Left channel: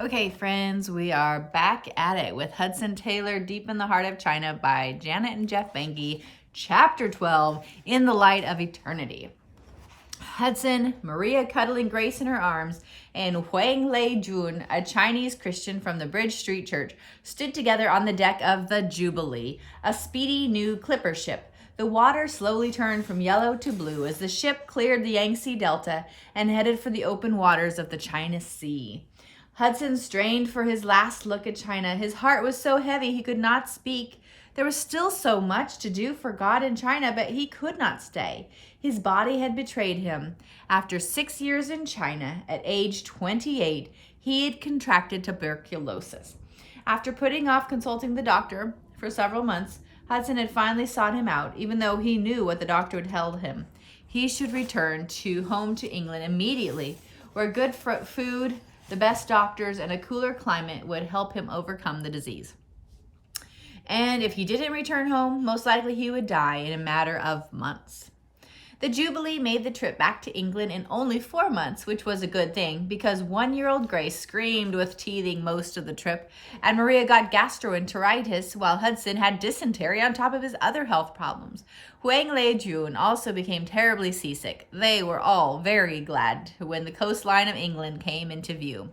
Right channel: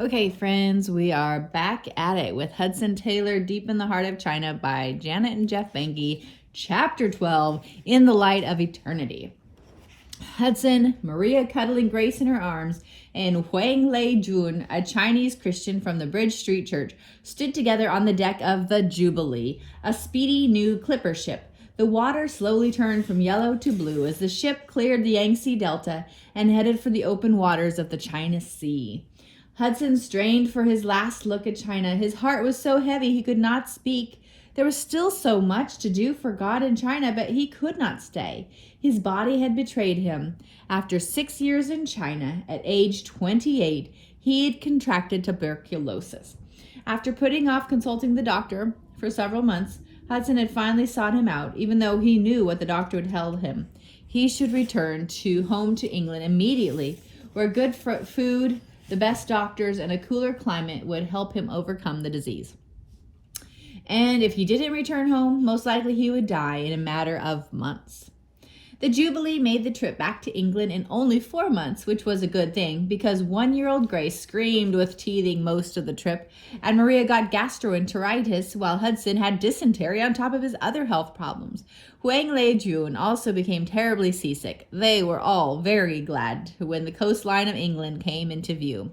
Okay, friends, we are back at it with Hudson Taylor, Deep in the Heart of China by Janet and Geoff Benge, Chapter 12, In the Light of Eternity. Hudson, Maria cuddling Grace in her arms, and Huang Lei Jun, a Chinese Christian from the Bridge Street Church, stood together on the deck of the Jubilee, a speedy new clipper ship. The water slowly turned from yellow to blue as the ship cleared the Yangtze Delta and headed for the open waters of the China Sea. Hudson strained for his last look at China. His heart was so heavy he could not speak. There was still so much to do for God in China, but he could not stay. His body had betrayed him. After 6 years in China, at age 28, he had contracted tuberculosis. After putting off consulting the doctor for several months, Hudson had finally sought him out, even though he knew what the doctor had told him. He should return home to England immediately, where good food, the best doctors, and a cooler climate would help him overcome the disease. And if he didn't return home, most likely he would die in a matter of months. The Jubilee made the trip back to England in only 4 months, which was a good thing because 1-year-old Grace screamed with teething most of the trip, and Maria got gastroenteritis while Hudson had dysentery on top of his other health problems. Huang Lei Jun also became terribly seasick. They were all very glad when the coastline of England came into view.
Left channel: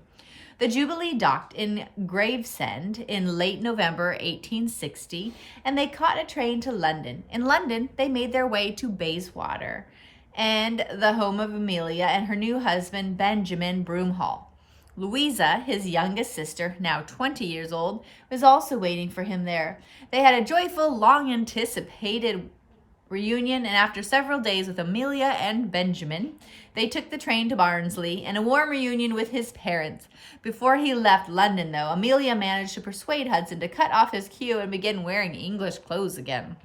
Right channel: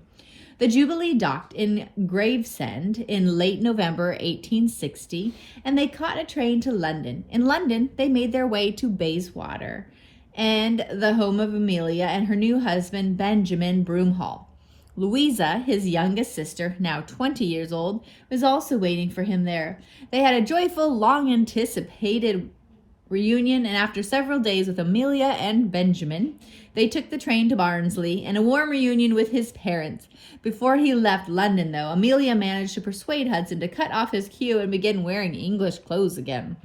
The Jubilee docked in Gravesend in late November 1860, and they caught a train to London. In London, they made their way to Bayswater and the home of Amelia and her new husband, Benjamin Broomhall. Louisa, his youngest sister, now 20 years old, was also waiting for him there. They had a joyful, long-anticipated reunion, and after several days with Amelia and Benjamin, they took the train to Barnsley and a warm reunion with his parents. Before he left London, though, Amelia managed to persuade Hudson to cut off his queue and begin wearing English clothes again.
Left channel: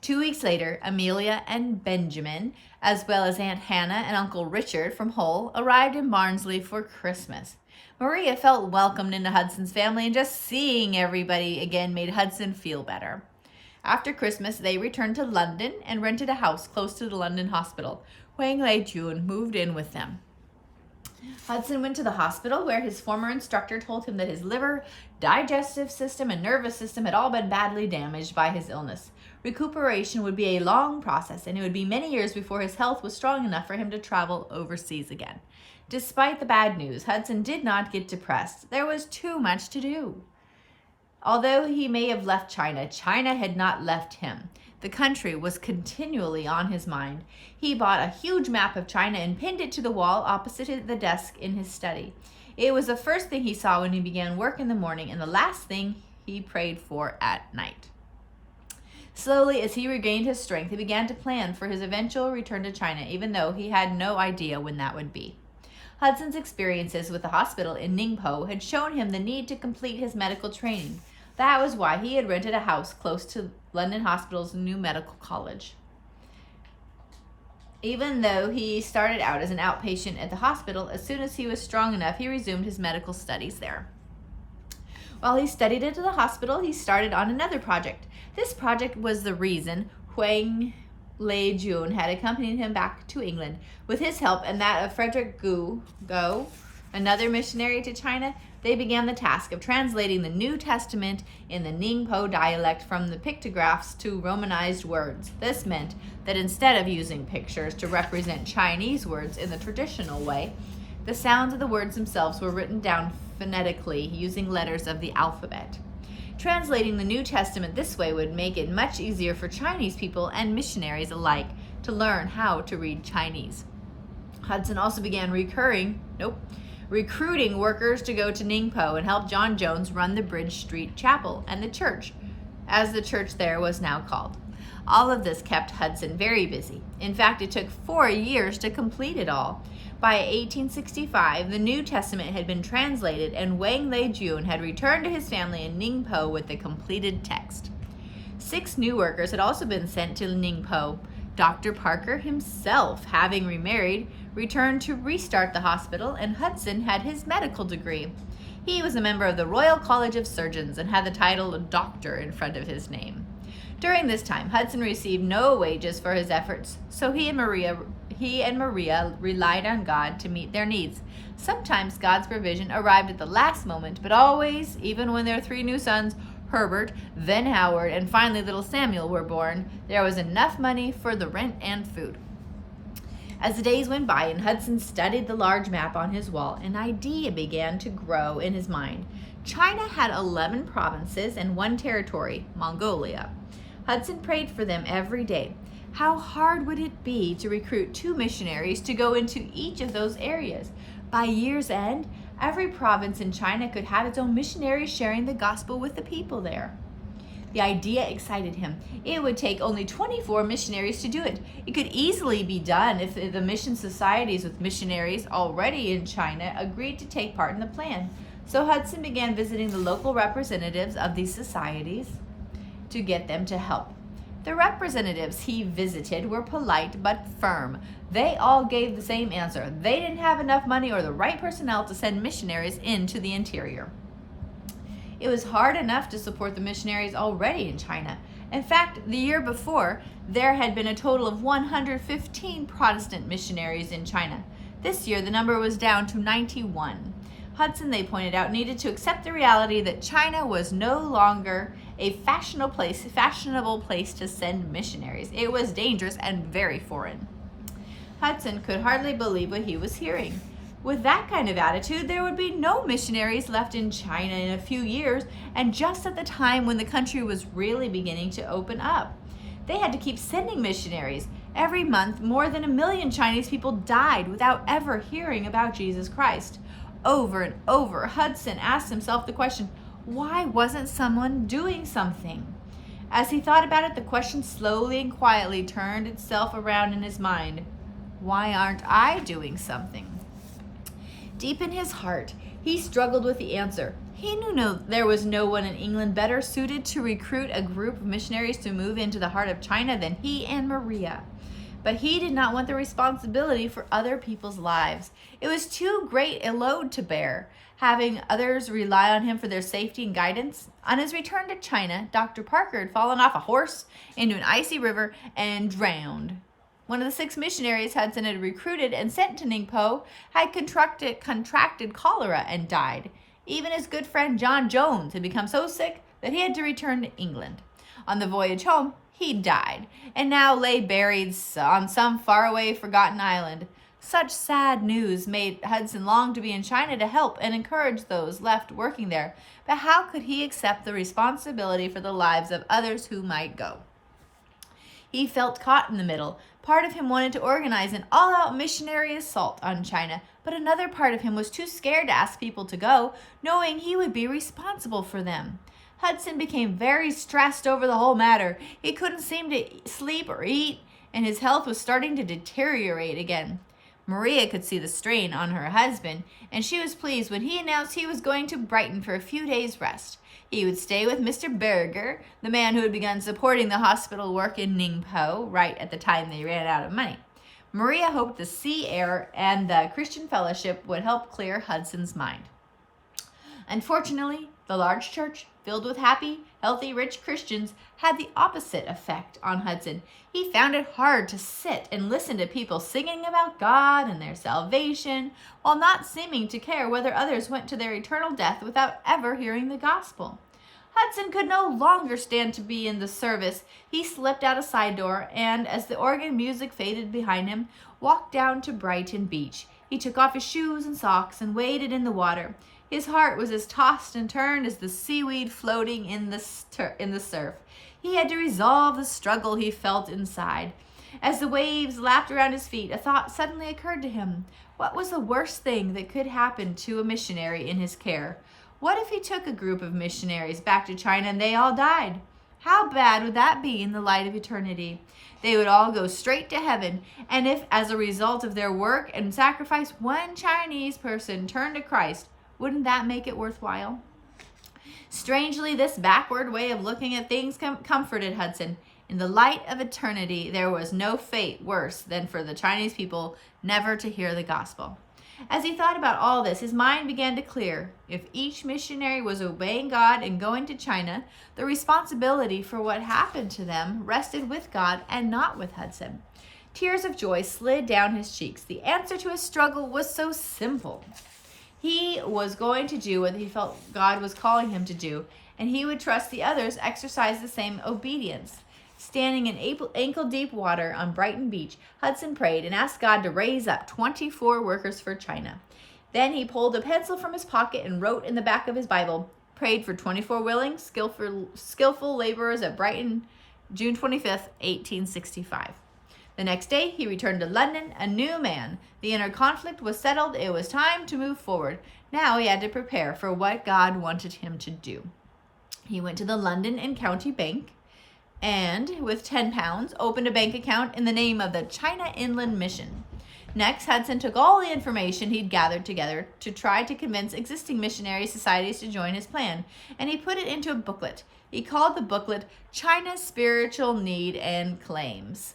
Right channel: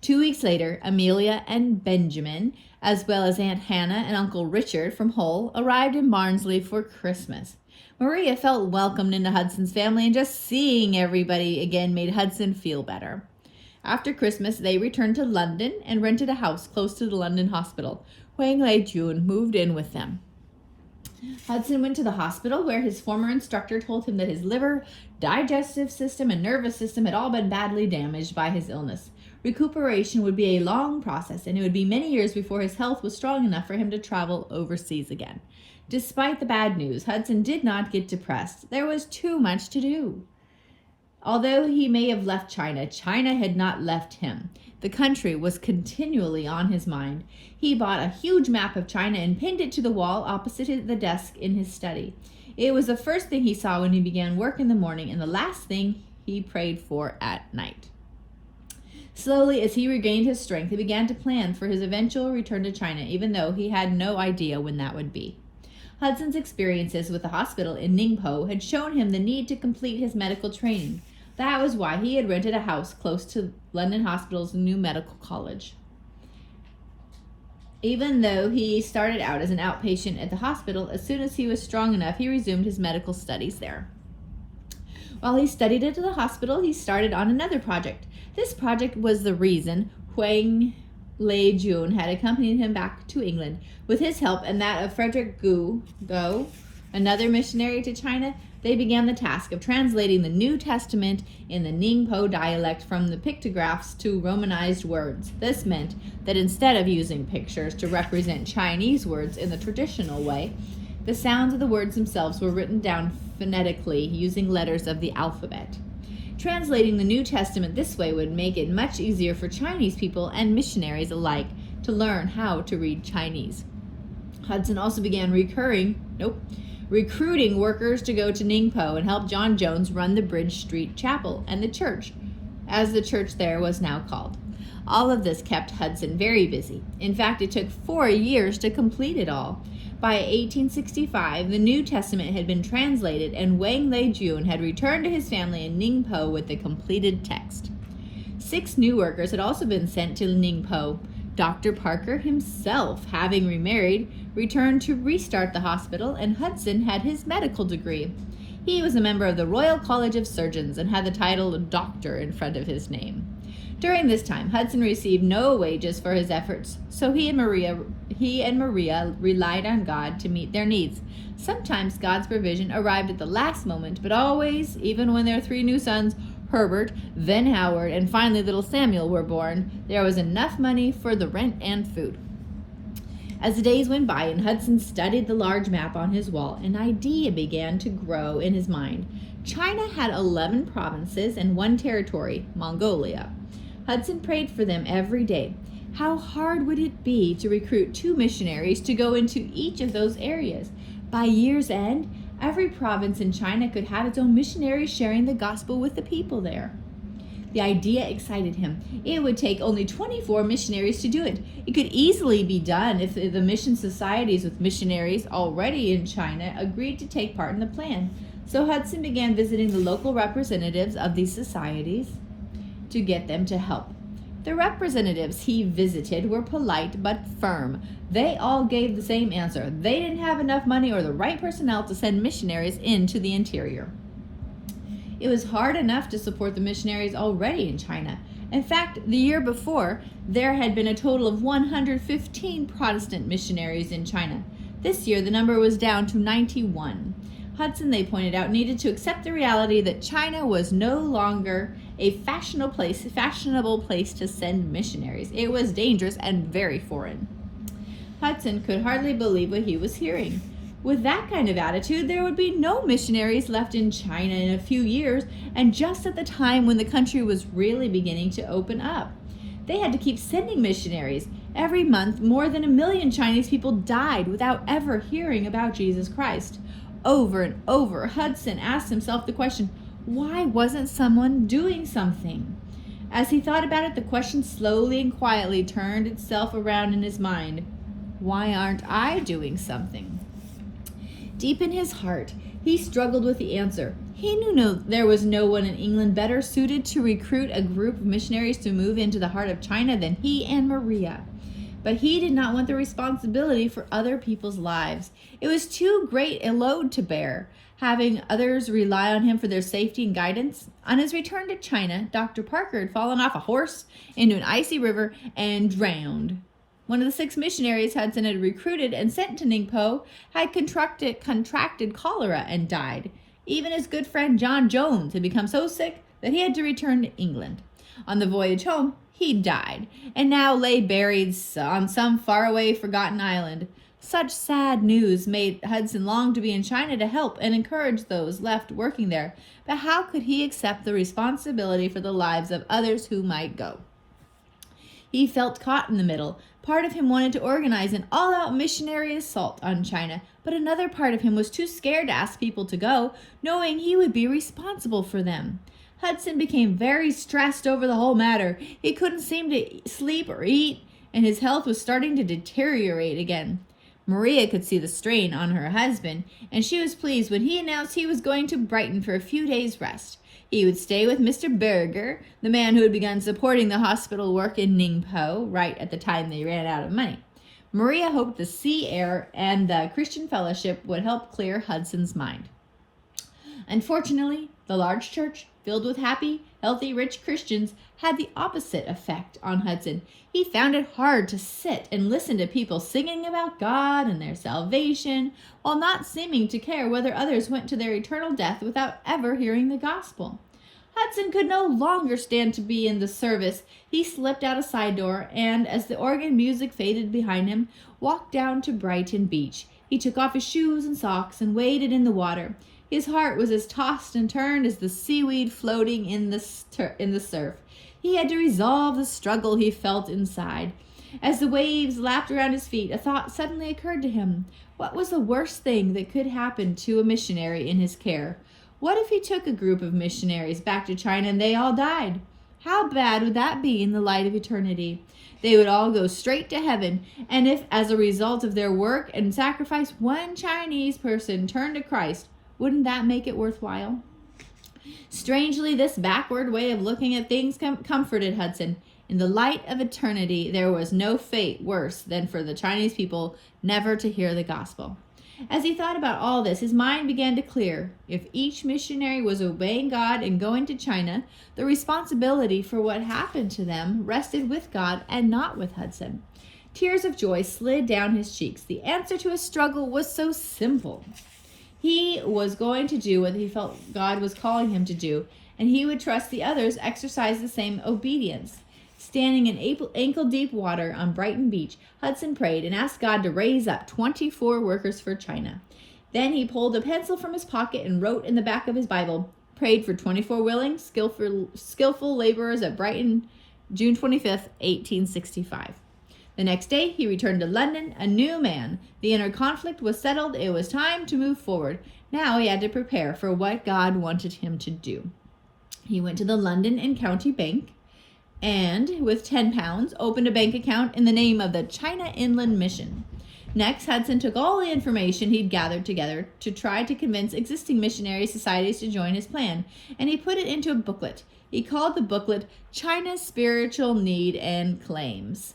2 weeks later, Amelia and Benjamin, as well as Aunt Hannah and Uncle Richard from Hull, arrived in Barnsley for Christmas. Maria felt welcomed into Hudson's family, and just seeing everybody again made Hudson feel better. After Christmas, they returned to London and rented a house close to the London hospital. Huang Lei Jun moved in with them. Hudson went to the hospital where his former instructor told him that his liver, digestive system, and nervous system had all been badly damaged by his illness. Recuperation would be a long process, and it would be many years before his health was strong enough for him to travel overseas again. Despite the bad news, Hudson did not get depressed. There was too much to do. Although he may have left China, China had not left him. The country was continually on his mind. He bought a huge map of China and pinned it to the wall opposite the desk in his study. It was the first thing he saw when he began work in the morning and the last thing he prayed for at night. Slowly, as he regained his strength, he began to plan for his eventual return to China, even though he had no idea when that would be. Hudson's experiences with the hospital in Ningpo had shown him the need to complete his medical training. That was why he had rented a house close to London Hospital's new medical college. Even though he started out as an outpatient at the hospital, as soon as he was strong enough, he resumed his medical studies there. While he studied at the hospital, he started on another project. This project was the reason Huang Lei Jun had accompanied him back to England. With his help and that of Frederick Go, another missionary to China, they began the task of translating the New Testament in the Ningpo dialect from the pictographs to Romanized words. This meant that instead of using pictures to represent Chinese words in the traditional way, the sounds of the words themselves were written down phonetically using letters of the alphabet. Translating the New Testament this way would make it much easier for Chinese people and missionaries alike to learn how to read Chinese. Hudson also began recruiting workers to go to Ningpo and help John Jones run the Bridge Street Chapel and the church, as the church there was now called. All of this kept Hudson very busy. In fact, it took 4 years to complete it all. By 1865, the New Testament had been translated, and Huang Lei Jun had returned to his family in Ningpo with the completed text. 6 new workers had also been sent to Ningpo. Dr. Parker himself, having remarried, returned to restart the hospital, and Hudson had his medical degree. He was a member of the Royal College of Surgeons and had the title Doctor in front of his name. During this time, Hudson received no wages for his efforts, so he and Maria relied on God to meet their needs. Sometimes God's provision arrived at the last moment, but always, even when their 3 new sons, Herbert, then Howard, and finally little Samuel, were born, there was enough money for the rent and food. As the days went by and Hudson studied the large map on his wall, an idea began to grow in his mind. China had 11 provinces and 1 territory, Mongolia. Hudson prayed for them every day. How hard would it be to recruit 2 missionaries to go into each of those areas? By year's end, every province in China could have its own missionary sharing the gospel with the people there. The idea excited him. It would take only 24 missionaries to do it. It could easily be done if the mission societies with missionaries already in China agreed to take part in the plan. So Hudson began visiting the local representatives of these societies to get them to help. The representatives he visited were polite but firm. They all gave the same answer. They didn't have enough money or the right personnel to send missionaries into the interior. It was hard enough to support the missionaries already in China. In fact, the year before, there had been a total of 115 Protestant missionaries in China. This year, the number was down to 91. Hudson, they pointed out, needed to accept the reality that China was no longer a fashionable place to send missionaries. It was dangerous and very foreign. Hudson could hardly believe what he was hearing. With that kind of attitude, there would be no missionaries left in China in a few years, and just at the time when the country was really beginning to open up. They had to keep sending missionaries. Every month, more than 1 million Chinese people died without ever hearing about Jesus Christ. Over and over, Hudson asked himself the question, why wasn't someone doing something? As he thought about it, the question slowly and quietly turned itself around in his mind. Why aren't I doing something? Deep in his heart, he struggled with the answer. He knew there was no one in England better suited to recruit a group of missionaries to move into the heart of China than he and Maria. But he did not want the responsibility for other people's lives. It was too great a load to bear, having others rely on him for their safety and guidance. On his return to China, Dr. Parker had fallen off a horse into an icy river and drowned. One of the 6 missionaries Hudson had recruited and sent to Ningpo had contracted cholera and died. Even his good friend John Jones had become so sick that he had to return to England. On the voyage home, he died, and now lay buried on some faraway forgotten island. Such sad news made Hudson long to be in China to help and encourage those left working there. But how could he accept the responsibility for the lives of others who might go? He felt caught in the middle. Part of him wanted to organize an all-out missionary assault on China, but another part of him was too scared to ask people to go, knowing he would be responsible for them. Hudson became very stressed over the whole matter. He couldn't seem to sleep or eat, and his health was starting to deteriorate again. Maria could see the strain on her husband, and she was pleased when he announced he was going to Brighton for a few days' rest. He would stay with Mr. Berger, the man who had begun supporting the hospital work in Ningpo right at the time they ran out of money. Maria hoped the sea air and the Christian fellowship would help clear Hudson's mind. Unfortunately, the large church, filled with happy, healthy, rich Christians, had the opposite effect on Hudson. He found it hard to sit and listen to people singing about God and their salvation, while not seeming to care whether others went to their eternal death without ever hearing the gospel. Hudson could no longer stand to be in the service. He slipped out a side door and, as the organ music faded behind him, walked down to Brighton Beach. He took off his shoes and socks and waded in the water. His heart was as tossed and turned as the seaweed floating in the surf. He had to resolve the struggle he felt inside. As the waves lapped around his feet, a thought suddenly occurred to him. What was the worst thing that could happen to a missionary in his care? What if he took a group of missionaries back to China and they all died? How bad would that be in the light of eternity? They would all go straight to heaven, and if, as a result of their work and sacrifice, one Chinese person turned to Christ, wouldn't that make it worthwhile? Strangely, this backward way of looking at things comforted Hudson. In the light of eternity, there was no fate worse than for the Chinese people never to hear the gospel. As he thought about all this, his mind began to clear. If each missionary was obeying God and going to China, the responsibility for what happened to them rested with God and not with Hudson. Tears of joy slid down his cheeks. The answer to his struggle was so simple. He was going to do what he felt God was calling him to do, and he would trust the others exercise the same obedience. Standing in ankle-deep water on Brighton Beach, Hudson prayed and asked God to raise up 24 workers for China. Then he pulled a pencil from his pocket and wrote in the back of his Bible, prayed for 24 willing, skillful laborers at Brighton, June 25th, 1865. The next day, he returned to London, a new man. The inner conflict was settled. It was time to move forward. Now he had to prepare for what God wanted him to do. He went to the London and County Bank and, with £10, opened a bank account in the name of the China Inland Mission. Next, Hudson took all the information he'd gathered together to try to convince existing missionary societies to join his plan, and he put it into a booklet. He called the booklet China's Spiritual Need and Claims.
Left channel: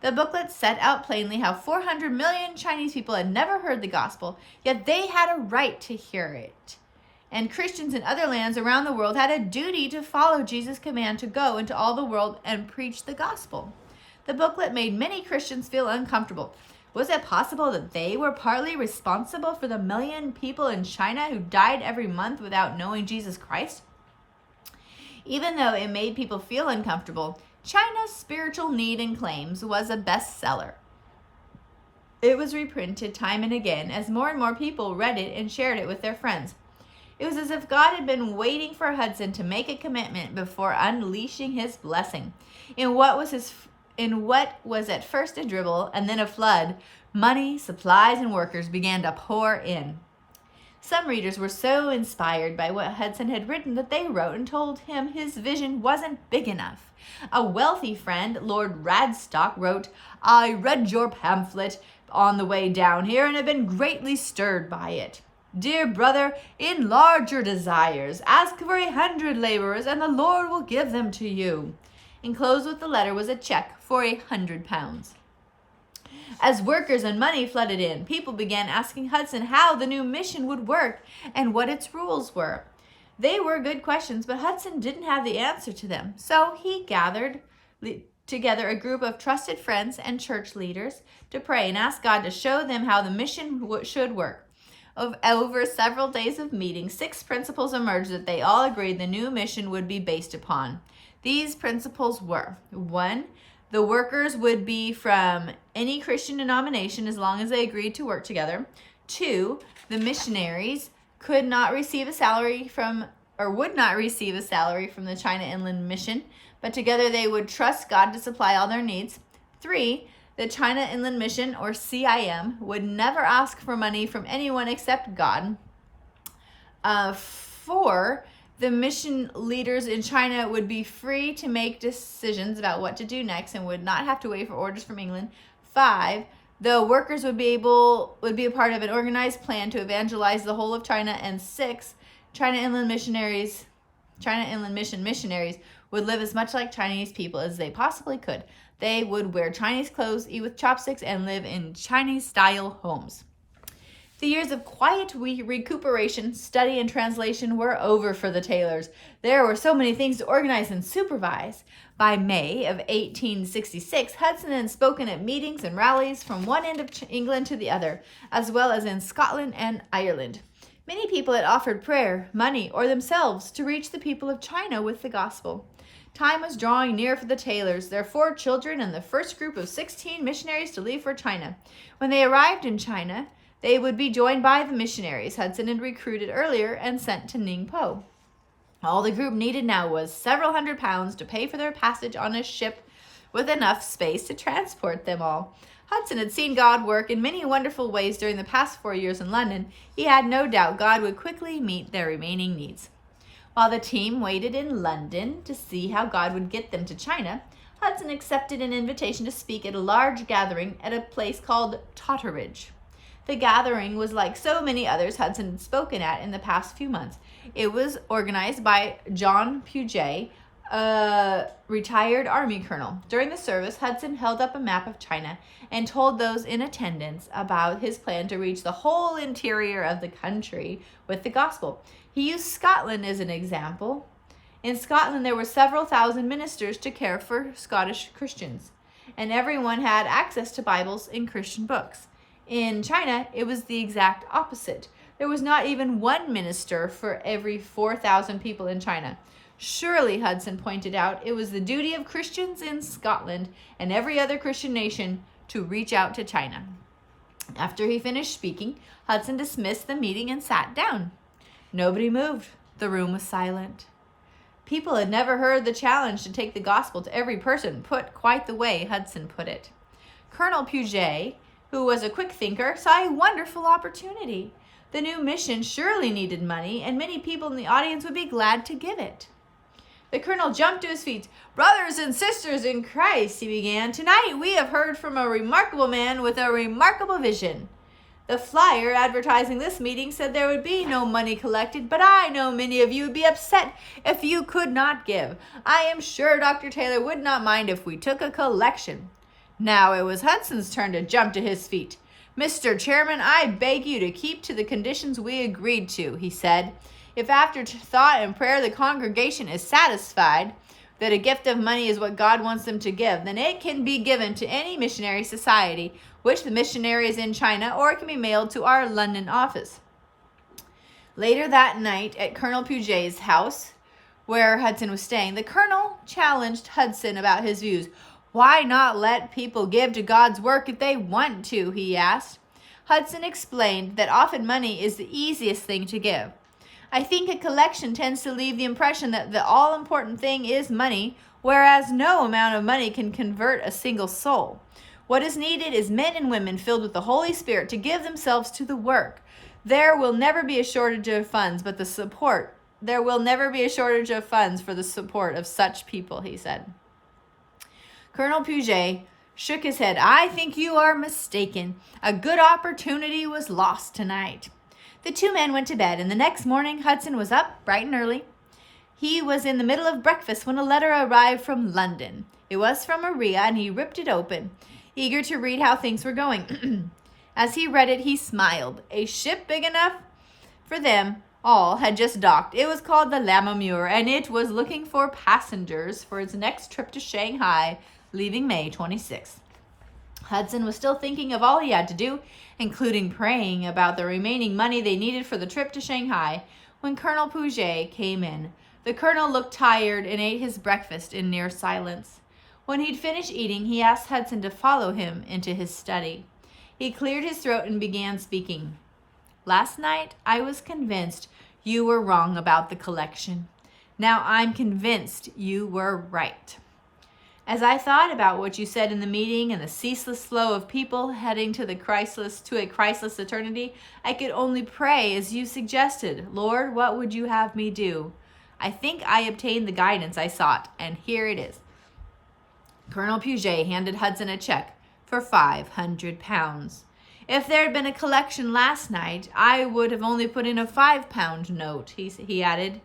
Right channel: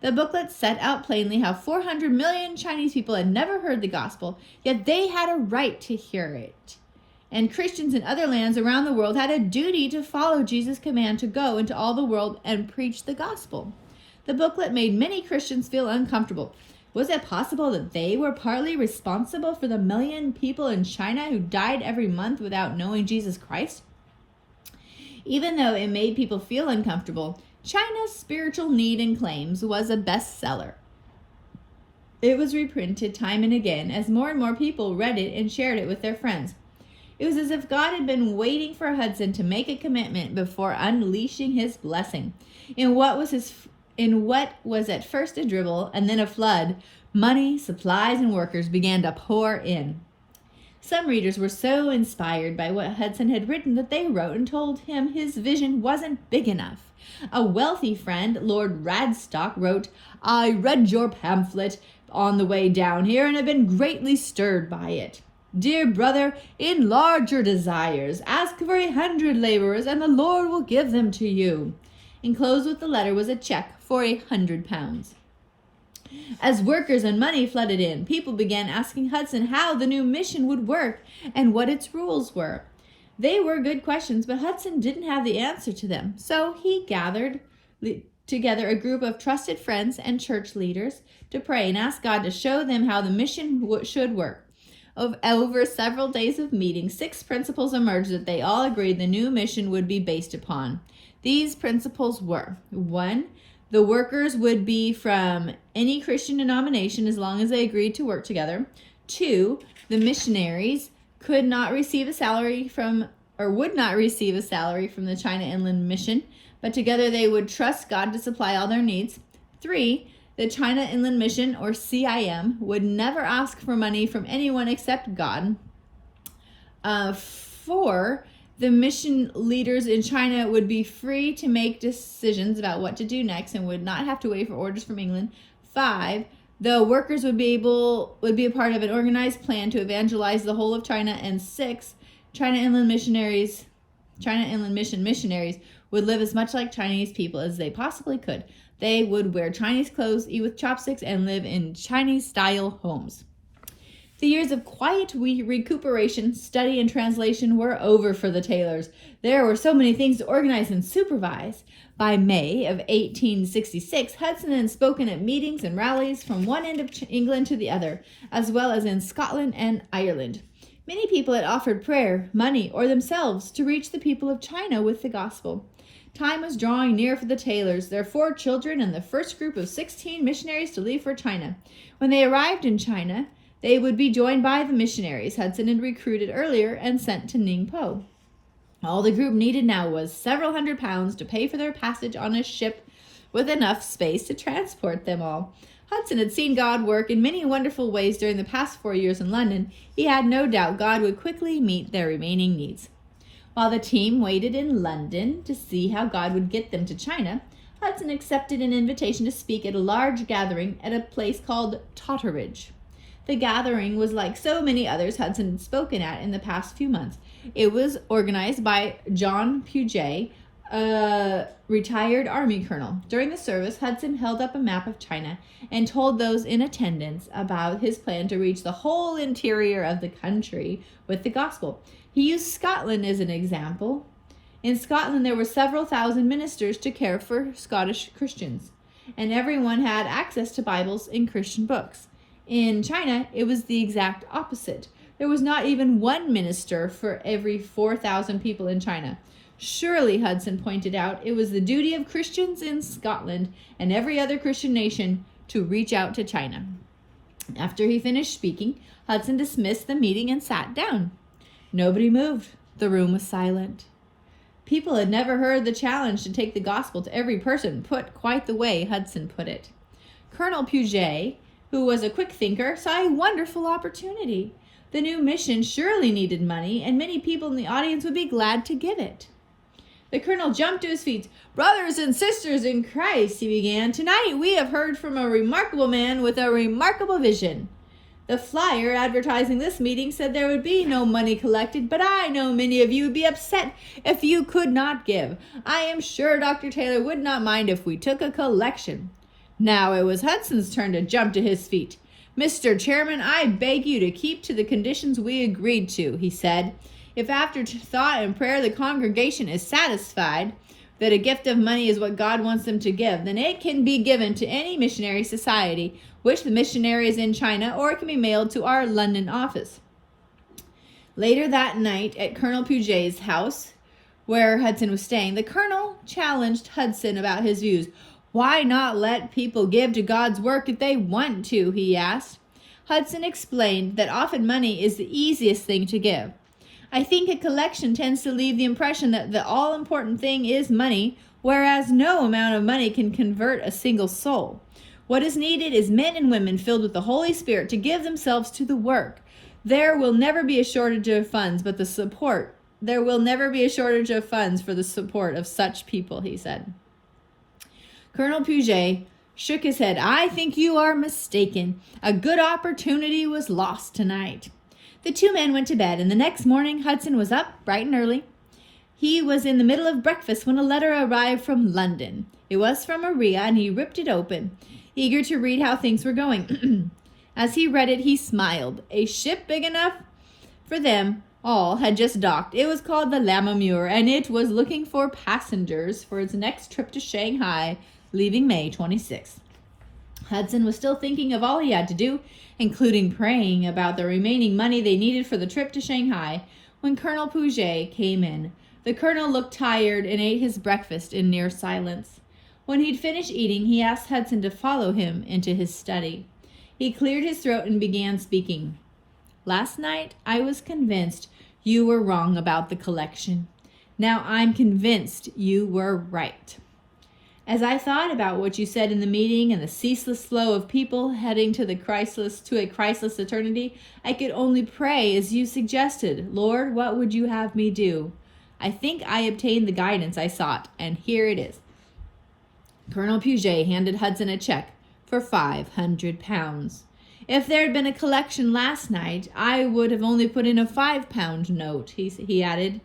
The booklet set out plainly how 400 million Chinese people had never heard the gospel, yet they had a right to hear it. And Christians in other lands around the world had a duty to follow Jesus' command to go into all the world and preach the gospel. The booklet made many Christians feel uncomfortable. Was it possible that they were partly responsible for the 1 million people in China who died every month without knowing Jesus Christ? Even though it made people feel uncomfortable, China's Spiritual Need and Claims was a bestseller. It was reprinted time and again as more and more people read it and shared it with their friends. It was as if God had been waiting for Hudson to make a commitment before unleashing his blessing. In what was at first a dribble and then a flood, money, supplies, and workers began to pour in. Some readers were so inspired by what Hudson had written that they wrote and told him his vision wasn't big enough. A wealthy friend, Lord Radstock, wrote, "I read your pamphlet on the way down here and have been greatly stirred by it. Dear brother, enlarge your desires. Ask for 100 laborers, and the Lord will give them to you." Enclosed with the letter was a check for £100. As workers and money flooded in, people began asking Hudson how the new mission would work and what its rules were. They were good questions, but Hudson didn't have the answer to them. So he gathered together a group of trusted friends and church leaders to pray and ask God to show them how the mission should work. Over several days of meetings, 6 principles emerged that they all agreed the new mission would be based upon. These principles were: 1, the workers would be from any Christian denomination as long as they agreed to work together. 2, the missionaries would not receive a salary from the China Inland Mission, but together they would trust God to supply all their needs. 3, the China Inland Mission, or CIM, would never ask for money from anyone except God. 4, the mission leaders in China would be free to make decisions about what to do next and would not have to wait for orders from England. 5, the workers would be a part of an organized plan to evangelize the whole of China. And 6, China Inland Mission missionaries would live as much like Chinese people as they possibly could. They would wear Chinese clothes, eat with chopsticks, and live in Chinese-style homes. The years of quiet recuperation, study, and translation were over for the Taylors. There were so many things to organize and supervise. By May of 1866, Hudson had spoken at meetings and rallies from one end of England to the other, as well as in Scotland and Ireland. Many people had offered prayer, money, or themselves to reach the people of China with the gospel. Time was drawing near for the Taylors, their 4 children, and the first group of 16 missionaries to leave for China. When they arrived in China, they would be joined by the missionaries Hudson had recruited earlier and sent to Ningpo. All the group needed now was several £100s to pay for their passage on a ship with enough space to transport them all. Hudson had seen God work in many wonderful ways during the past 4 years in London. He had no doubt God would quickly meet their remaining needs. While the team waited in London to see how God would get them to China, Hudson accepted an invitation to speak at a large gathering at a place called Totteridge. The gathering was like so many others Hudson had spoken at in the past few months. It was organized by John Puget, a retired Army colonel. During the service, Hudson held up a map of China and told those in attendance about his plan to reach the whole interior of the country with the gospel. He used Scotland as an example. In Scotland, there were several thousand ministers to care for Scottish Christians, and everyone had access to Bibles and Christian books. In China, it was the exact opposite. There was not even one minister for every 4,000 people in China. Surely, Hudson pointed out, it was the duty of Christians in Scotland and every other Christian nation to reach out to China. After he finished speaking, Hudson dismissed the meeting and sat down. Nobody moved. The room was silent. People had never heard the challenge to take the gospel to every person put quite the way Hudson put it. Colonel Puget, who was a quick thinker, saw a wonderful opportunity. The new mission surely needed money, and many people in the audience would be glad to give it. The colonel jumped to his feet. "Brothers and sisters in Christ," he began, "tonight we have heard from a remarkable man with a remarkable vision. The flyer advertising this meeting said there would be no money collected, but I know many of you would be upset if you could not give. I am sure Dr. Taylor would not mind if we took a collection." Now it was Hudson's turn to jump to his feet. "Mr. Chairman, I beg you to keep to the conditions we agreed to," he said. "If after thought and prayer the congregation is satisfied that a gift of money is what God wants them to give, then it can be given to any missionary society which the missionary is in China, or it can be mailed to our London office." Later that night at Colonel Puget's house, where Hudson was staying, the colonel challenged Hudson about his views. "Why not let people give to God's work if they want to?" he asked. Hudson explained that often money is the easiest thing to give. "I think a collection tends to leave the impression that the all-important thing is money, whereas no amount of money can convert a single soul. What is needed is men and women filled with the Holy Spirit to give themselves to the work. There will never be a shortage of funds, but there will never be a shortage of funds for the support of such people," he said. Colonel Puget shook his head. "I think you are mistaken. A good opportunity was lost tonight." The two men went to bed, and the next morning Hudson was up bright and early. He was in the middle of breakfast when a letter arrived from London. It was from Maria, and he ripped it open, eager to read how things were going. As he read it, he smiled. A ship big enough for them all had just docked. It was called the Lammermuir, and it was looking for passengers for its next trip to Shanghai, leaving May 26th. Hudson was still thinking of all he had to do, including praying about the remaining money they needed for the trip to Shanghai, when Colonel Puget came in. The colonel looked tired and ate his breakfast in near silence. When he'd finished eating, he asked Hudson to follow him into his study. He cleared his throat and began speaking. "Last night, I was convinced you were wrong about the collection. Now I'm convinced you were right. As I thought about what you said in the meeting and the ceaseless flow of people heading to a Christless eternity, I could only pray as you suggested. Lord, what would you have me do? I think I obtained the guidance I sought, and here it is." Colonel Puget handed Hudson a check for £500. "If there had been a collection last night, I would have only put in a £5 note," he added.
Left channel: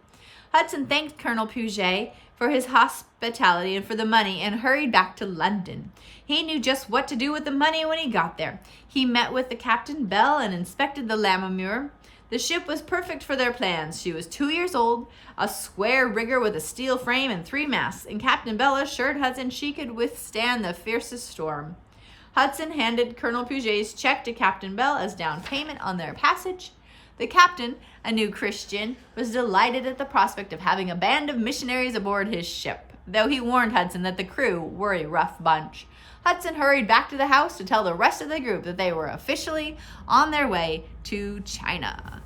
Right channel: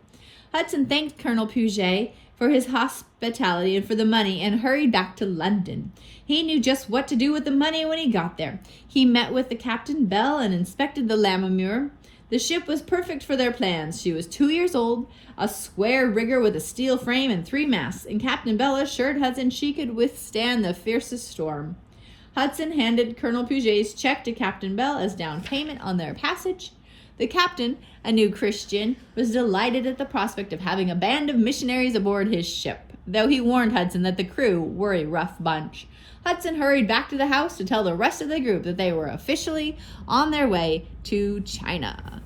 Hudson thanked Colonel Puget for his hospitality and for the money, and hurried back to London. He knew just what to do with the money when he got there. He met with the Captain Bell and inspected the Lammermuir. The ship was perfect for their plans. She was 2 years old, a square rigger with a steel frame and 3 masts, and Captain Bell assured Hudson she could withstand the fiercest storm. Hudson handed Colonel Puget's check to Captain Bell as down payment on their passage. The captain, a new Christian, was delighted at the prospect of having a band of missionaries aboard his ship, though he warned Hudson that the crew were a rough bunch. Hudson hurried back to the house to tell the rest of the group that they were officially on their way to China.